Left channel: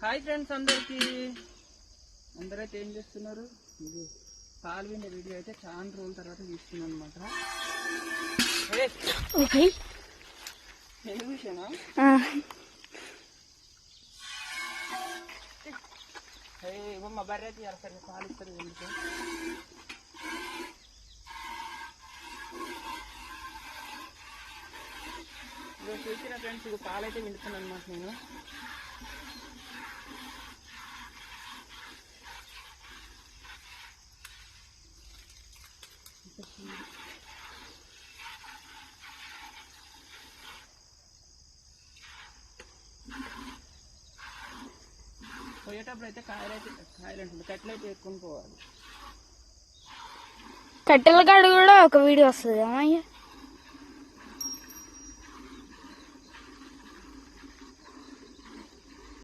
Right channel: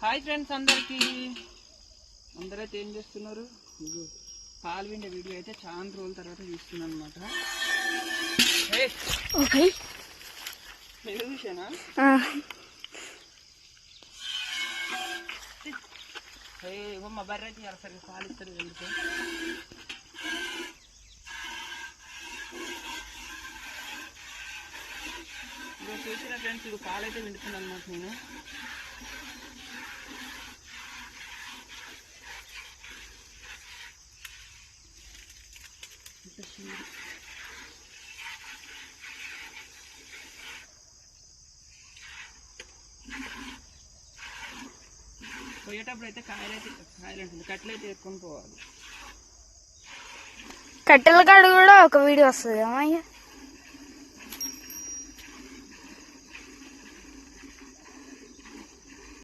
Hi friends అందరైతే ఏం చేస్తున్నారు? పాలు విండే వీడియో అయితే చాలా రోజుల తర్వాత తీస్తున్నాను అనమాట. నేను చూసానా మా బర్రె అయితే సరిగ్గా పాలు ఇస్తారు ఎందుకు చూసిన ఫ్రెండ్స్ ఇది పాలు అయితే వింటున్నాను అనమాట. నేను పోయేటప్పుడు అయితే కాయలు ఉంటుంది కట్టెలైతే ఎత్తుకొని పోవాలి. కట్టెల కాడ కూడా ఒక వీడియో వస్తుంది అమ్మయ్య.